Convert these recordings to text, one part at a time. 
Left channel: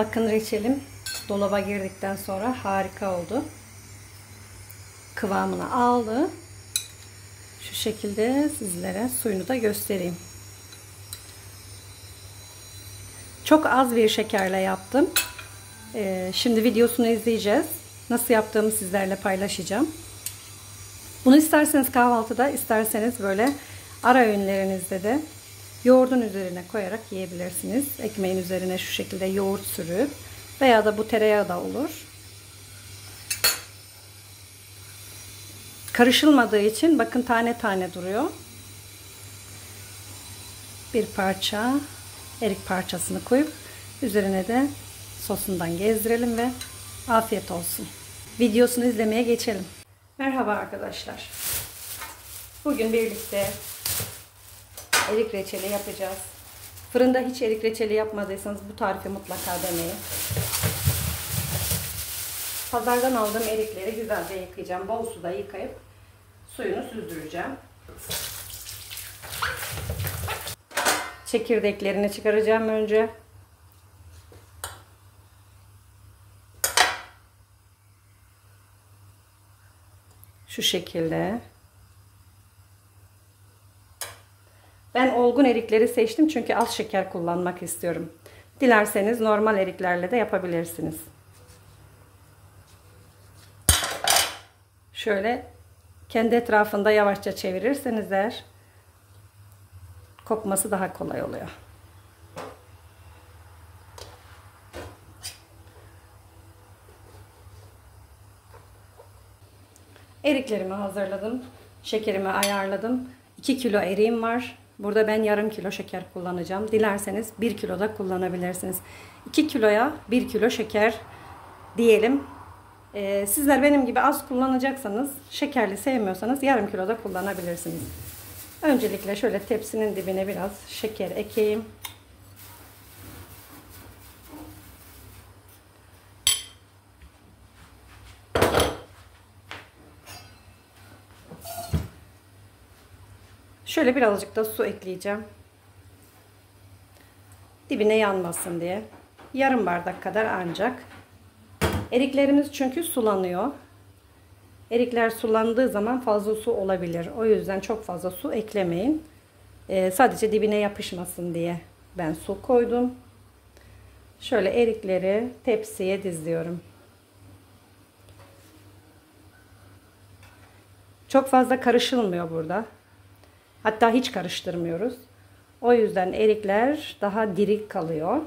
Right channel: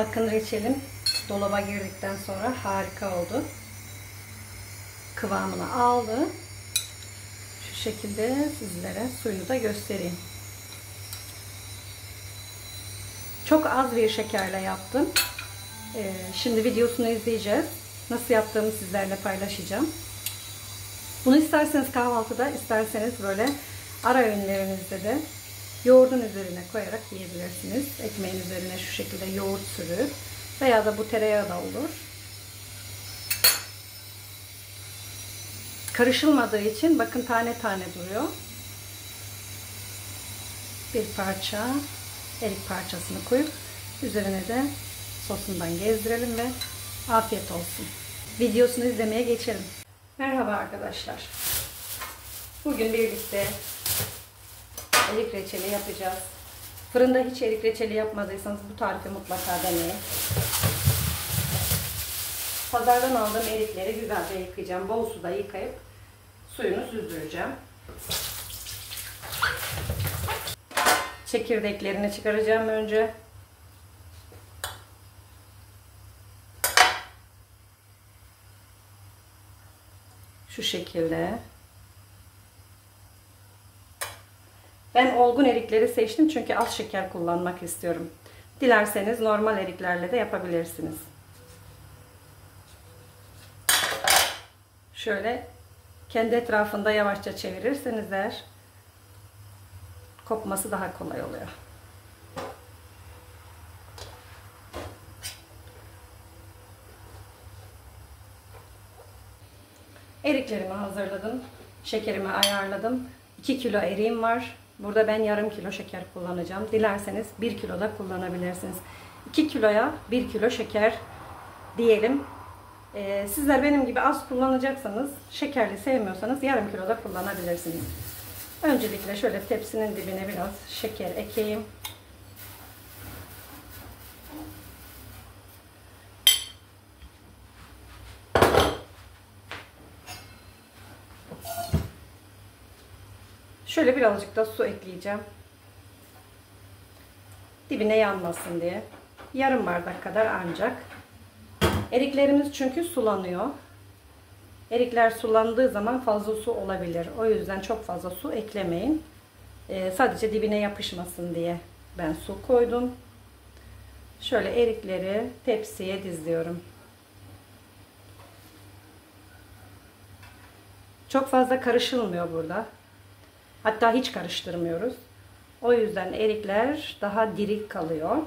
Bakın reçelim dolaba girdikten sonra harika oldu. Kıvamını aldı. Şu şekilde sizlere suyunu da göstereyim. Çok az bir şekerle yaptım. Şimdi videosunu izleyeceğiz. Nasıl yaptığımı sizlerle paylaşacağım. Bunu isterseniz kahvaltıda, isterseniz böyle ara öğünlerinizde de yoğurdun üzerine koyarak yiyebilirsiniz. Ekmeğin üzerine şu şekilde yoğurt sürüp veya da bu tereyağı da olur. Karışılmadığı için bakın tane tane duruyor. Bir parça erik parçasını koyup üzerine de sosundan gezdirelim ve afiyet olsun. Videosunu izlemeye geçelim. Merhaba arkadaşlar. Bugün birlikte erik reçeli yapacağız. Fırında hiç erik reçeli yapmadıysanız bu tarifi mutlaka deneyin. Pazardan aldığım erikleri güzelce yıkayacağım. Bol suda yıkayıp suyunu süzdüreceğim. Çekirdeklerini çıkaracağım önce. Şu şekilde. Ben olgun erikleri seçtim çünkü az şeker kullanmak istiyorum. Dilerseniz normal eriklerle de yapabilirsiniz. Şöyle kendi etrafında yavaşça çevirirseniz eğer kopması daha kolay oluyor. Eriklerimi hazırladım. Şekerimi ayarladım. 2 kilo eriğim var. Burada ben yarım kilo şeker kullanacağım. Dilerseniz 1 kilo da kullanabilirsiniz. 2 kiloya 1 kilo şeker diyelim. Sizler benim gibi az kullanacaksanız, şekerli sevmiyorsanız yarım kilo da kullanabilirsiniz. Öncelikle şöyle tepsinin dibine biraz şeker ekeyim. Şöyle birazcık da su ekleyeceğim. Dibine yanmasın diye. Yarım bardak kadar ancak. Eriklerimiz çünkü sulanıyor. Erikler sulandığı zaman fazla su olabilir. O yüzden çok fazla su eklemeyin. Sadece dibine yapışmasın diye ben su koydum. Şöyle erikleri tepsiye diziyorum. Çok fazla karışılmıyor burada. Hatta hiç karıştırmıyoruz. O yüzden erikler daha diri kalıyor.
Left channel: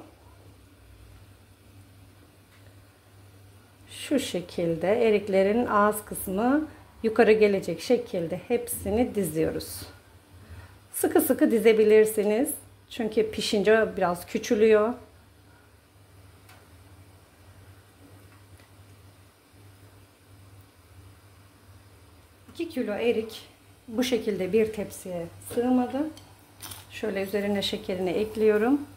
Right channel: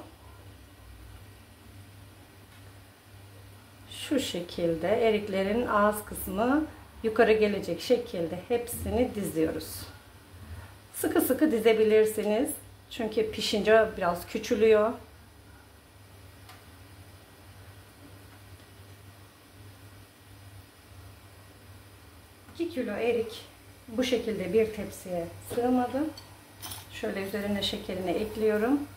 Şu şekilde eriklerin ağız kısmı yukarı gelecek şekilde hepsini diziyoruz. Sıkı sıkı dizebilirsiniz. Çünkü pişince biraz küçülüyor. İki kilo erik bu şekilde bir tepsiye sığmadı. Şöyle üzerine şekerini ekliyorum.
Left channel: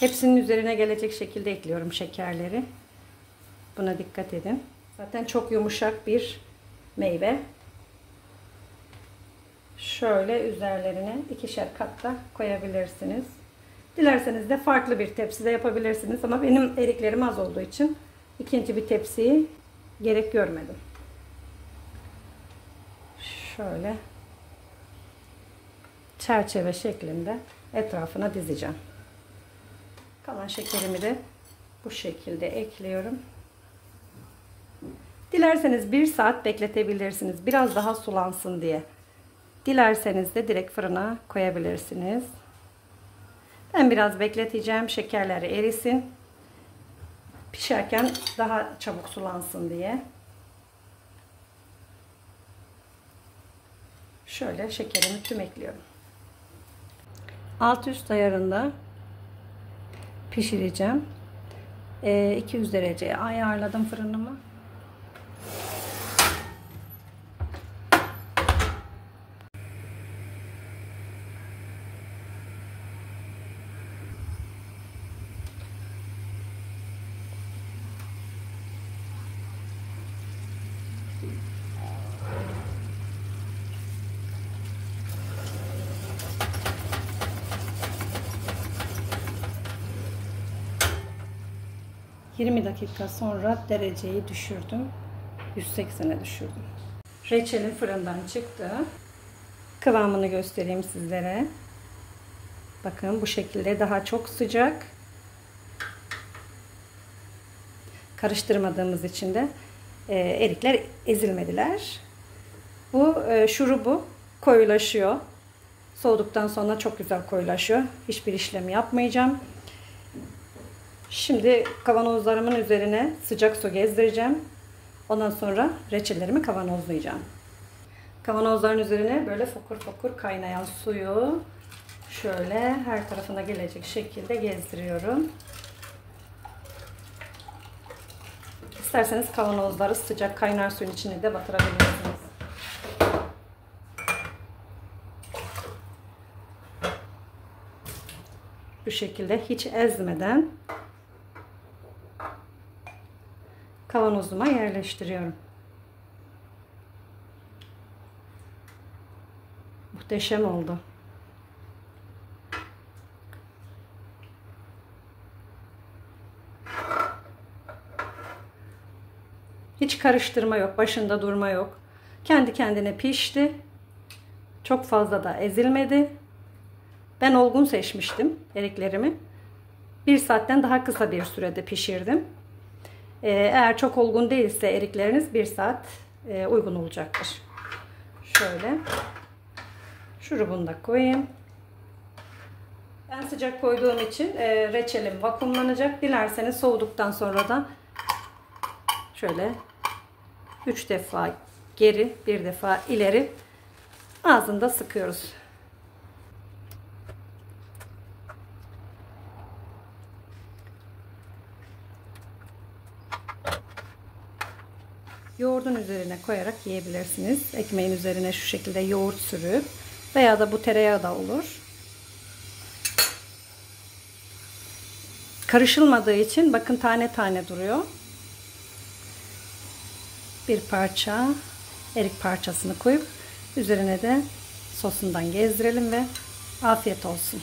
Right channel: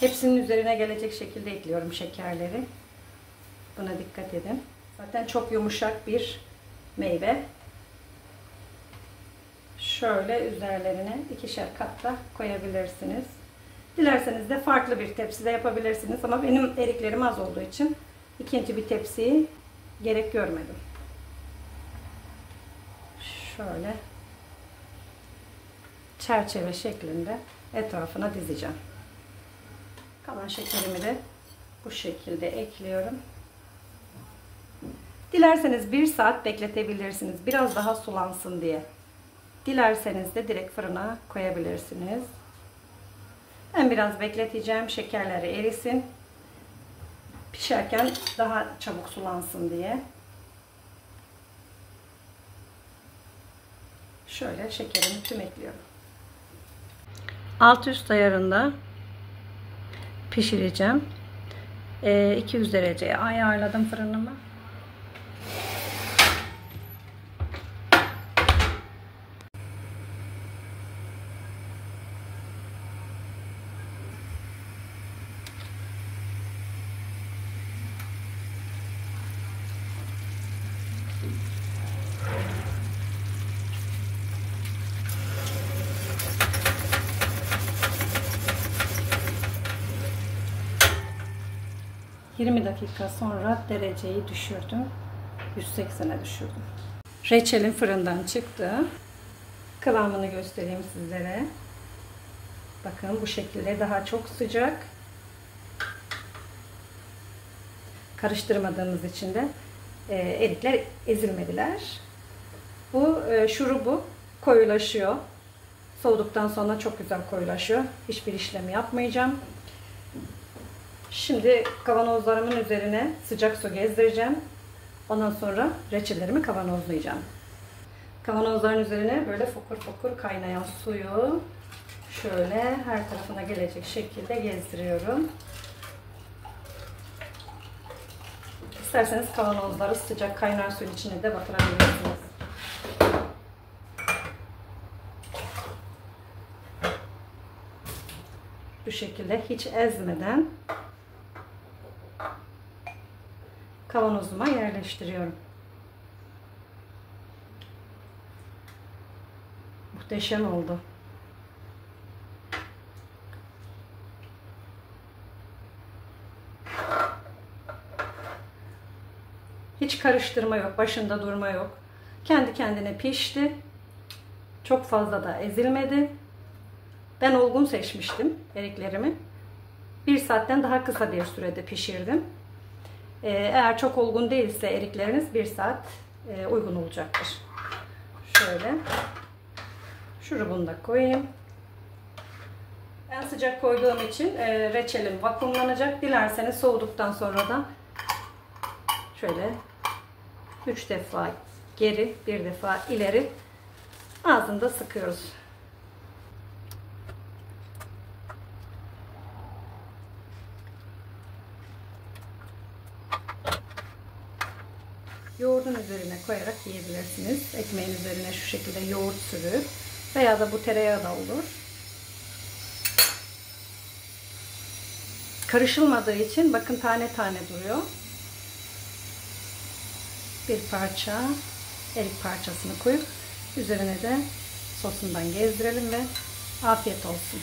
Hepsinin üzerine gelecek şekilde ekliyorum şekerleri. Buna dikkat edin. Zaten çok yumuşak bir meyve. Şöyle üzerlerine ikişer kat da koyabilirsiniz. Dilerseniz de farklı bir tepside yapabilirsiniz. Ama benim eriklerim az olduğu için ikinci bir tepsiyi gerek görmedim. Şöyle çerçeve şeklinde etrafına dizeceğim. Kalan şekerimi de bu şekilde ekliyorum. Dilerseniz 1 saat bekletebilirsiniz. Biraz daha sulansın diye. Dilerseniz de direkt fırına koyabilirsiniz. Ben biraz bekleteceğim. Şekerleri erisin. Pişerken daha çabuk sulansın diye. Şöyle şekerimi tüm ekliyorum. Alt üst ayarında pişireceğim. 200 dereceye ayarladım fırınımı. 20 dakika sonra dereceyi düşürdüm. 180'e düşürdüm. Reçelim fırından çıktı. Kıvamını göstereyim sizlere. Bakın bu şekilde daha çok sıcak. Karıştırmadığımız için de erikler ezilmediler. Bu şurubu koyulaşıyor. Soğuduktan sonra çok güzel koyulaşıyor. Hiçbir işlem yapmayacağım. Şimdi kavanozlarımın üzerine sıcak su gezdireceğim. Ondan sonra reçellerimi kavanozlayacağım. Kavanozların üzerine böyle fokur fokur kaynayan suyu şöyle her tarafına gelecek şekilde gezdiriyorum. İsterseniz kavanozları sıcak kaynar suyun içine de batırabilirsiniz. Bu şekilde hiç ezmeden kavanozuma yerleştiriyorum. Muhteşem oldu. Hiç karıştırma yok, başında durma yok. Kendi kendine pişti. Çok fazla da ezilmedi. Ben olgun seçmiştim eriklerimi. 1 saatten daha kısa bir sürede pişirdim. Eğer çok olgun değilse erikleriniz 1 saat uygun olacaktır. Şöyle şurubunu da koyayım. Ben sıcak koyduğum için reçelim vakumlanacak. Dilerseniz soğuduktan sonra da şöyle 3 defa geri, 1 defa ileri ağzında sıkıyoruz. Yoğurdun üzerine koyarak yiyebilirsiniz. Ekmeğin üzerine şu şekilde yoğurt sürüp veya da bu tereyağı da olur. Karışılmadığı için bakın tane tane duruyor. Bir parça erik parçasını koyup üzerine de sosundan gezdirelim ve afiyet olsun.